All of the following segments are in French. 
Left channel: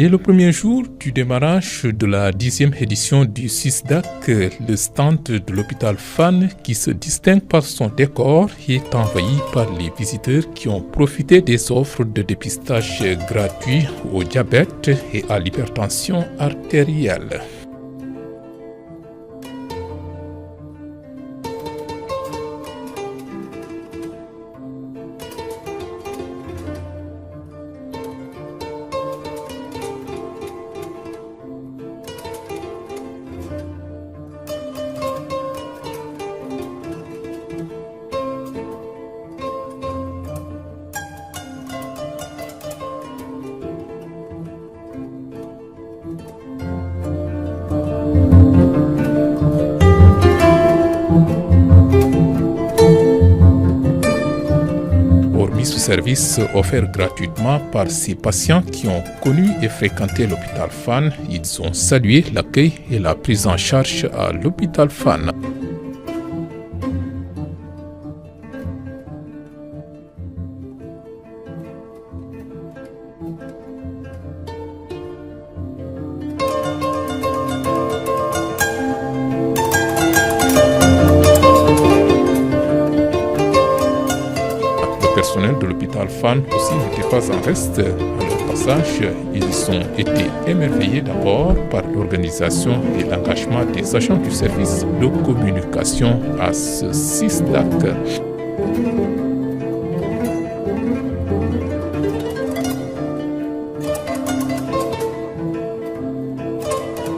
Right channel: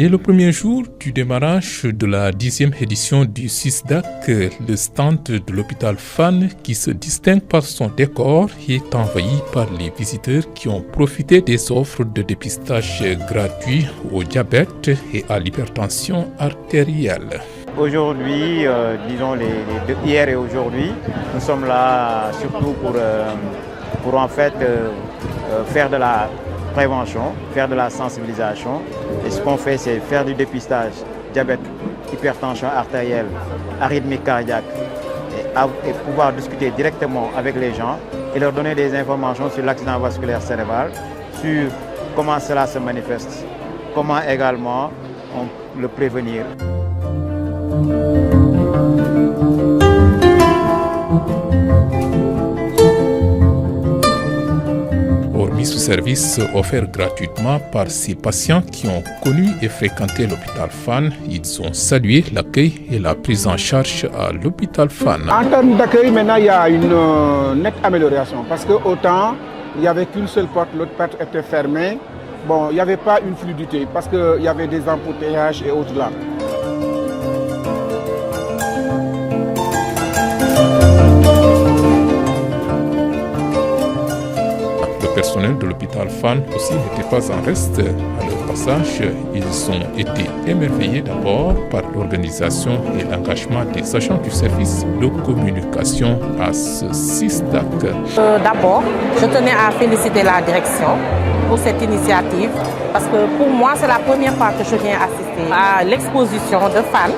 Dès le premier jour du démarrage de la 10e édition du CISDAC, le stand de l'hôpital Fann, qui se distingue par son décor, est envahi par les visiteurs qui ont profité des offres de dépistage gratuit au diabète et à l'hypertension artérielle. Aujourd'hui, hier et aujourd'hui, nous sommes là surtout pour en fait faire de la prévention, faire de la sensibilisation. Et ce qu'on fait, c'est faire du dépistage, diabète, hypertension artérielle, arythmie cardiaque, et pouvoir discuter directement avec les gens et leur donner des informations sur l'accident vasculaire cérébral, sur comment cela se manifeste, comment également le prévenir. Hormis ce service offert gratuitement par ces patients qui ont connu et fréquenté l'hôpital Fann, ils ont salué l'accueil et la prise en charge à l'hôpital Fann. En termes d'accueil, maintenant, il y a une nette amélioration parce que autant il n'y avait qu'une seule porte, l'autre porte était fermée. Bon, il n'y avait pas une fluidité parce qu'il y avait des embouteillages et autres là. Le personnel de l'hôpital Fann aussi n'était pas en reste. À leur passage, ils ont été émerveillés d'abord par l'organisation et l'engagement des agents du service de communication à ce CISDAC. D'abord, je tenais à féliciter la direction pour cette initiative parce que pour moi, c'est la première fois que je viens assister à l'exposition de Fann.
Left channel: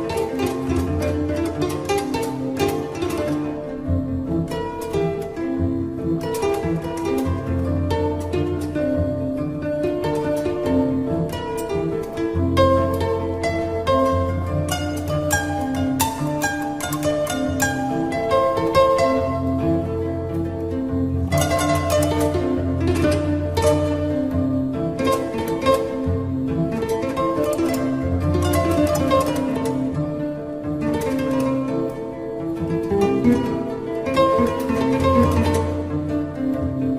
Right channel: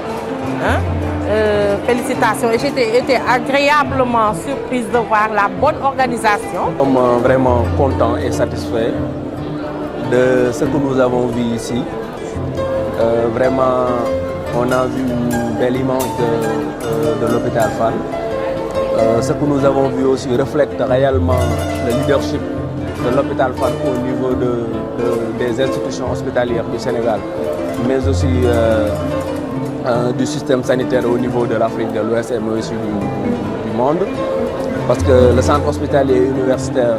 Félicitations, et j'étais agréablement surprise de voir la bonne organisation. Nous sommes vraiment contents et satisfaits de ce que nous avons vu ici. Vraiment, on a vu une belle image de l'hôpital Fann. Ce que nous avons vu aussi reflète réellement le leadership de l'hôpital Fann au niveau des institutions hospitalières du Sénégal, mais aussi du système sanitaire au niveau de l'Afrique de l'Ouest et aussi du monde. Parce que le centre hospitalier universitaire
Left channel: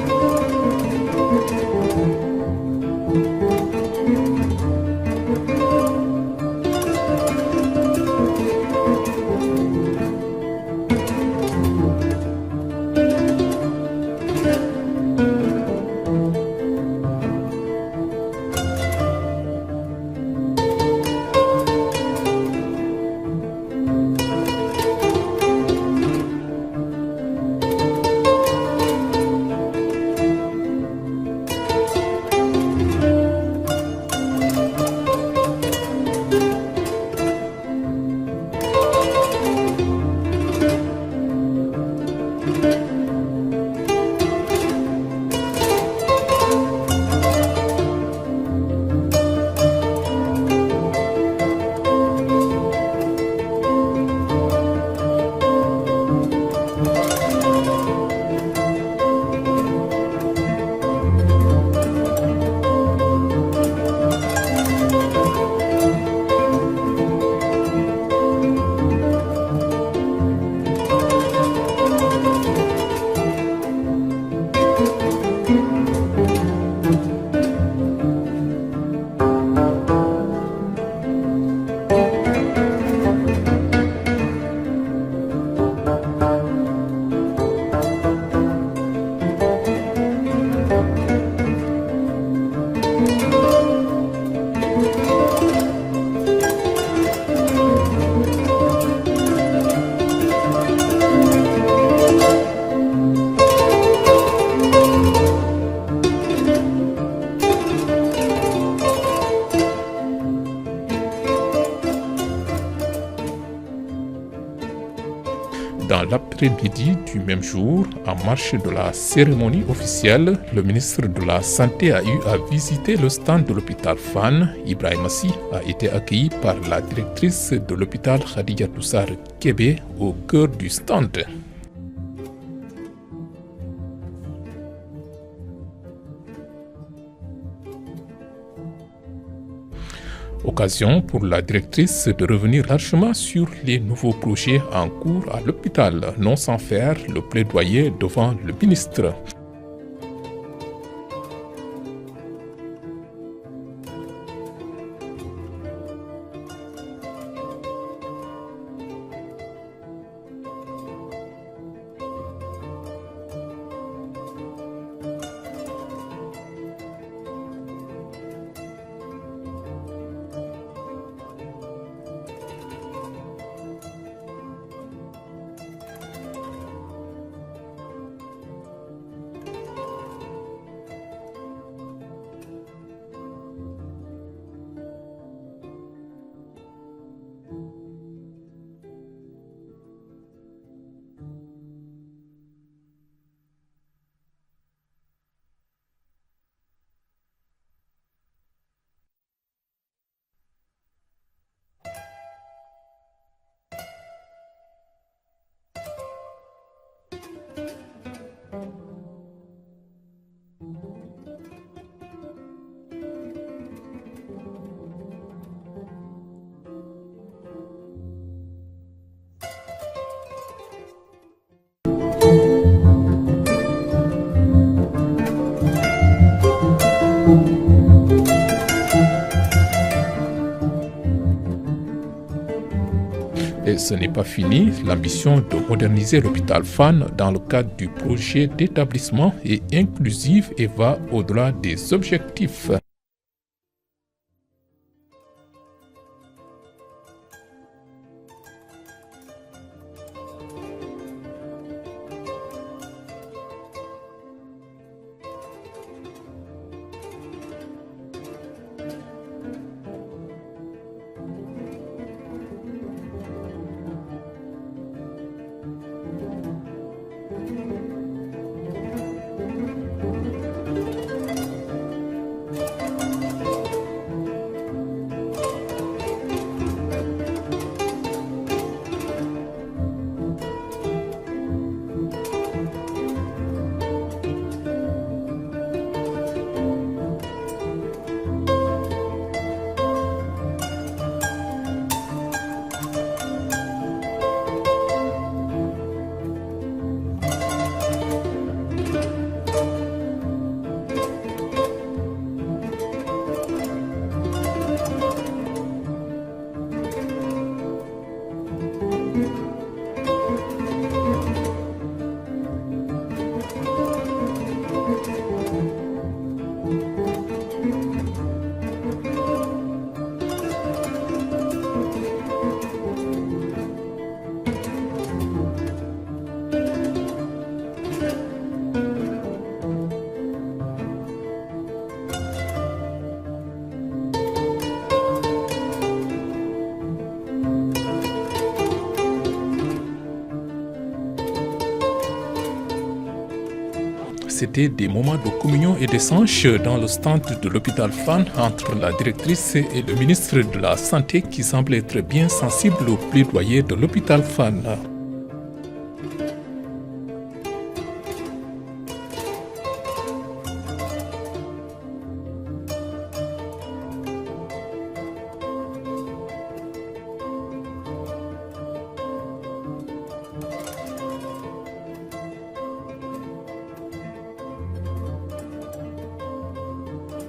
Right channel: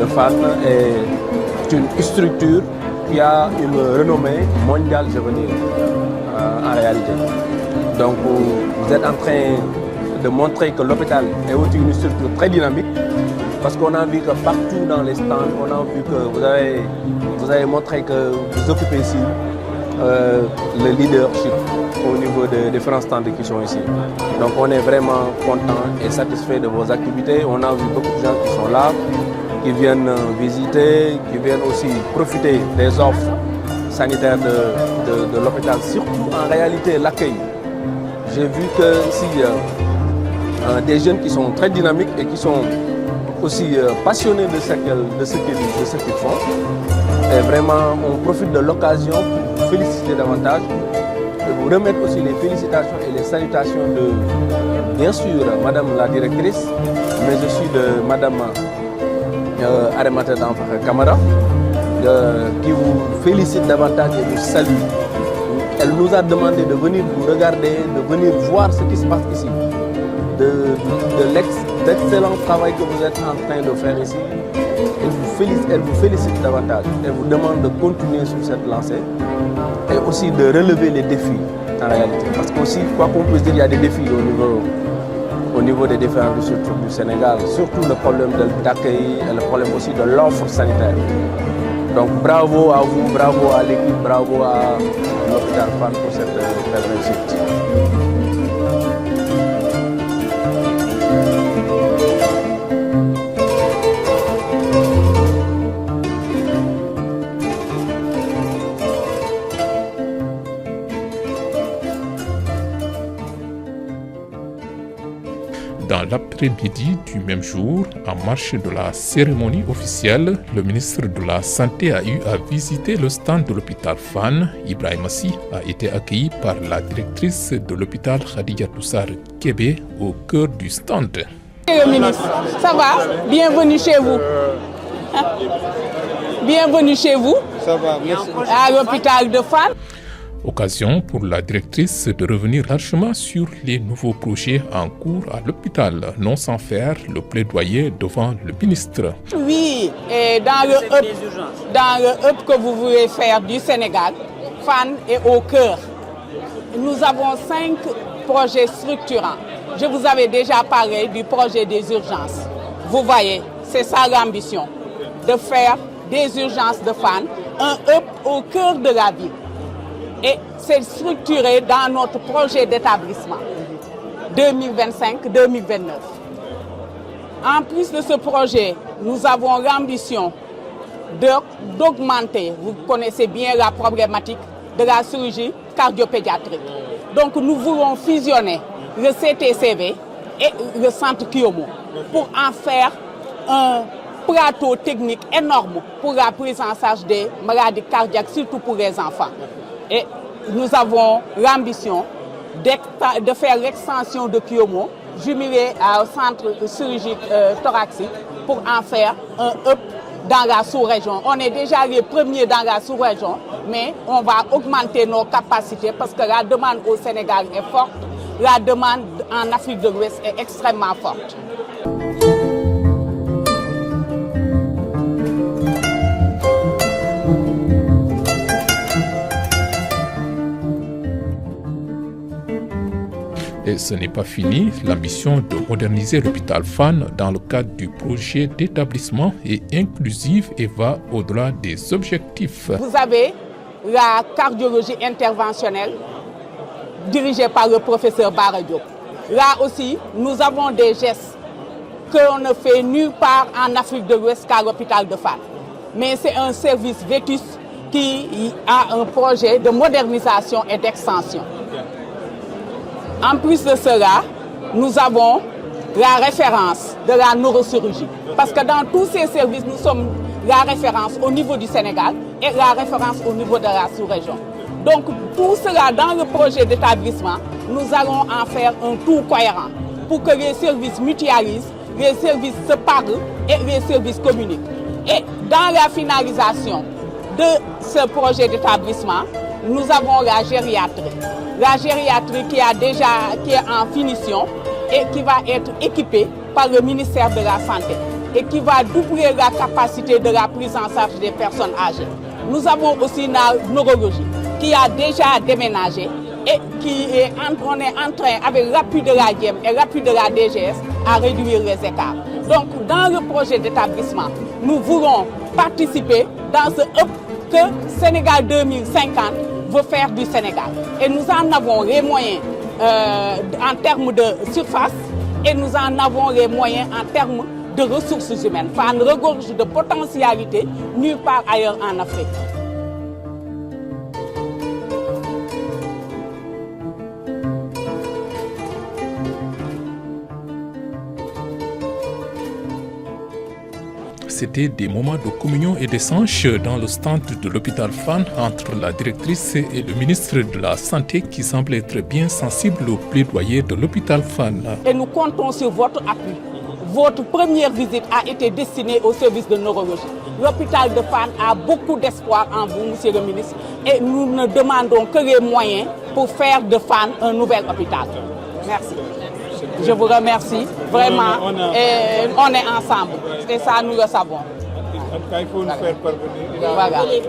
de Fann est une structure qui a une renommée mondiale, je veux dire, en réalité. Donc vous êtes en train de montrer que l'hôpital est aussi une structure très dynamique parce qu'on a vu que partout dans les stands, on a vu que vous avez montré que vous occupez ici le leadership au niveau des différents stands qui sont ici. Donc on est vraiment content et satisfait de vos activités. On a vu beaucoup de gens qui sont là, qui viennent visiter, qui viennent aussi profiter des offres sanitaires de l'hôpital. Surtout en réalité l'accueil. J'ai vu que ici, des jeunes qui sont très dynamiques et qui sont aussi passionnés de ce qu'ils font. Et vraiment, on profite de l'occasion pour féliciter davantage, de vous remettre aussi les félicitations et les salutations de, bien sûr, Madame la directrice, mais aussi de Madame Arimata Kamara, qui vous félicite davantage et vous salue. Elle nous a demandé de venir vous regarder, de venir voir ce qui se passe ici, de l'excellent travail que vous êtes en train de faire ici. Elle vous félicite davantage. Elle vous demande de continuer sur cette lancée et aussi de relever les défis en réalité. Parce qu'aussi, quoi qu'on puisse dire, il y a des défis au niveau des différentes structures du Sénégal, surtout le problème d'accueil et le problème aussi de l'offre sanitaire. Donc bravo à vous, bravo à l'équipe, bravo à l'hôpital Fann pour cette réussite. Dans l'après-midi du même jour, en marge de la cérémonie officielle, le ministre de la Santé a eu à visiter le stand de l'hôpital Fann. Ibrahima Sy a été accueilli par la directrice de l'hôpital Khadija Toussar Kébé au cœur du stand. Monsieur le ministre, ça va? Bienvenue chez vous. Bienvenue chez vous. Ça va, merci. À l'hôpital de Fann. Occasion pour la directrice de revenir largement sur les nouveaux projets en cours à l'hôpital, non sans faire le plaidoyer devant le ministre. Oui, et dans le hub que vous voulez faire du Sénégal, Fann est au cœur. Nous avons 5 projets structurants. Je vous avais déjà parlé du projet des urgences. Vous voyez, c'est ça l'ambition, de faire des urgences de Fann un hub au cœur de la ville. Et c'est structuré dans notre projet d'établissement 2025-2029. En plus de ce projet, nous avons l'ambition d'augmenter, vous connaissez bien la problématique de la chirurgie cardiopédiatrique. Donc nous voulons fusionner le CTCV et le centre Kiomo pour en faire un plateau technique énorme pour la prise en charge des maladies cardiaques, surtout pour les enfants. Et nous avons l'ambition de faire l'extension de Kiomo, jumelé au centre de chirurgie thoracique, pour en faire un hub dans la sous-région. On est déjà les premiers dans la sous-région, mais on va augmenter nos capacités parce que la demande au Sénégal est forte, la demande en Afrique de l'Ouest est extrêmement forte. Et ce n'est pas fini, l'ambition de moderniser l'hôpital Fann dans le cadre du projet d'établissement est inclusive et va au-delà des objectifs. Vous avez la cardiologie interventionnelle dirigée par le professeur Bara Diop. Là aussi, nous avons des gestes qu'on ne fait nulle part en Afrique de l'Ouest qu'à l'hôpital de Fann. Mais c'est un service vétuste qui a un projet de modernisation et d'extension. En plus de cela, nous avons la référence de la neurochirurgie. Parce que dans tous ces services, nous sommes la référence au niveau du Sénégal et la référence au niveau de la sous-région. Donc pour cela, dans le projet d'établissement, nous allons en faire un tout cohérent pour que les services mutualisent, les services se parlent et les services communiquent. Et dans la finalisation de ce projet d'établissement, nous avons la gériatrie. La gériatrie qui est en finition et qui va être équipée par le ministère de la Santé et qui va doubler la capacité de la prise en charge des personnes âgées. Nous avons aussi la neurologie qui a déjà déménagé et on est en train, avec l'appui de la DIEM et l'appui de la DGS, à réduire les écarts. Donc dans le projet d'établissement, nous voulons participer dans ce hub que Sénégal 2050 veut faire du Sénégal. Et nous en avons les moyens en termes de surface et nous en avons les moyens en termes de ressources humaines. Fann regorge de potentialité nulle part ailleurs en Afrique. C'était des moments de communion et d'échange dans le stand de l'hôpital Fann entre la directrice et le ministre de la Santé qui semble être bien sensible au plaidoyer de l'hôpital Fann. Et nous comptons sur votre appui. Votre première visite a été destinée au service de neurologie. L'hôpital de Fann a beaucoup d'espoir en vous, monsieur le ministre, et nous ne demandons que les moyens pour faire de Fann un nouvel hôpital. Merci. Je vous remercie, vraiment, et on est ensemble, et ça nous le savons. Il faut nous faire parvenir.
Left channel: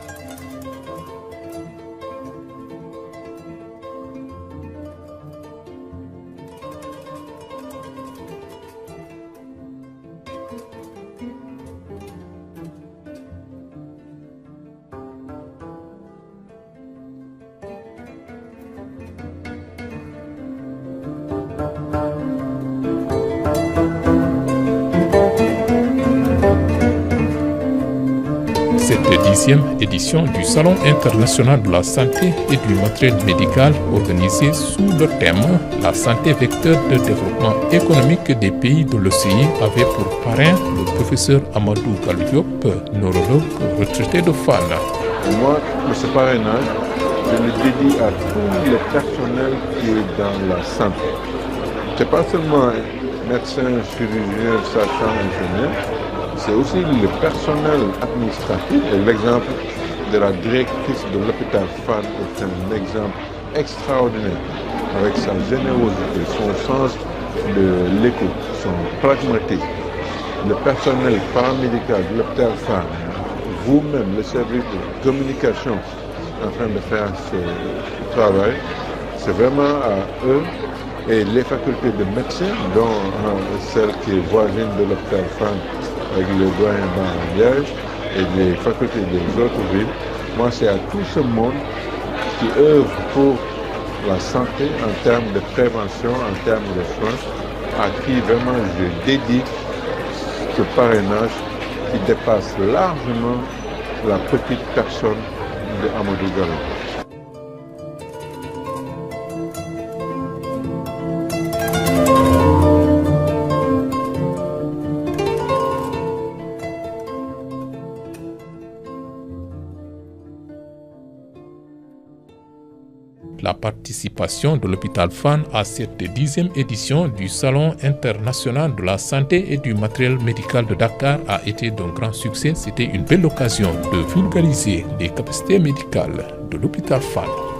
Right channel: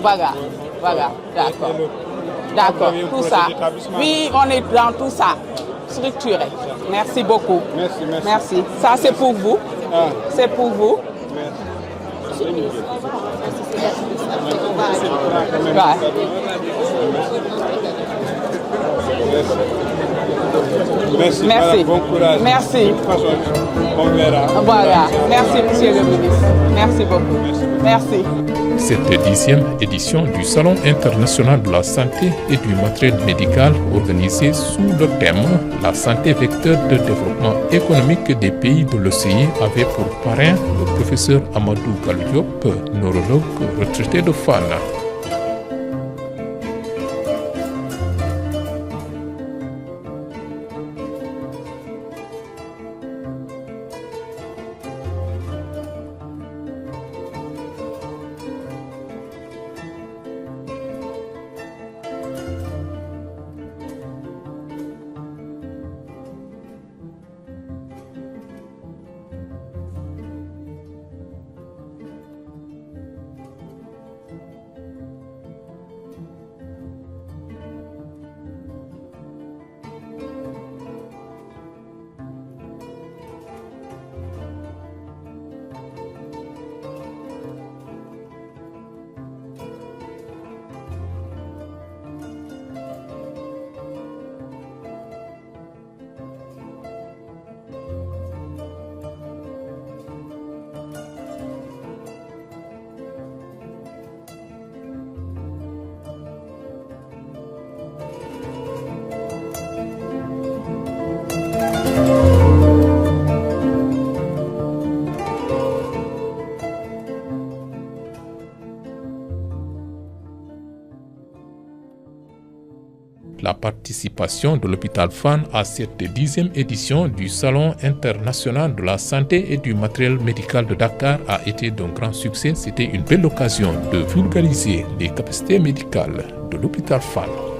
Voilà, d'accord, tout ça. Oui, on est dans tout ça, structuré. Merci beaucoup. Merci. Ça, c'est pour vous. C'est pour vous. Merci. Bon courage. Merci. De toute façon, on verra. Voilà. Merci, monsieur le ministre. Merci beaucoup. Merci. Cette 10e édition du Salon international de la santé et du matériel médical organisé sous le thème « La santé vecteur de développement économique des pays de l'OCI » avait pour parrain le professeur Amadou Gallo Diop, neurologue retraité de Fann. Moi, ce parrainage, je le dédie à tout le personnel qui est dans la santé. Ce n'est pas seulement médecins, chirurgiens, sages-femmes, infirmiers, c'est aussi le personnel administratif. Et l'exemple de la directrice de l'hôpital Fann est un exemple extraordinaire avec sa générosité, son sens de l'écoute, son pragmatisme. Le personnel paramédical de l'hôpital Fann, vous-même, le service de communication en train de faire ce travail. C'est vraiment à eux et les facultés de médecine, dont celle qui est voisine de l'hôpital Fann avec le doyen Liège et les facultés des autres villes. Moi, c'est à tout ce monde qui œuvre pour la santé en termes de prévention, en termes de soins, à qui vraiment je dédie ce parrainage qui dépasse largement la petite personne de Amadou Gallo. La participation de l'hôpital Fann à cette 10e édition du Salon international de la santé et du matériel médical de Dakar a été d'un grand succès. C'était une belle occasion de vulgariser les capacités médicales de l'hôpital Fann.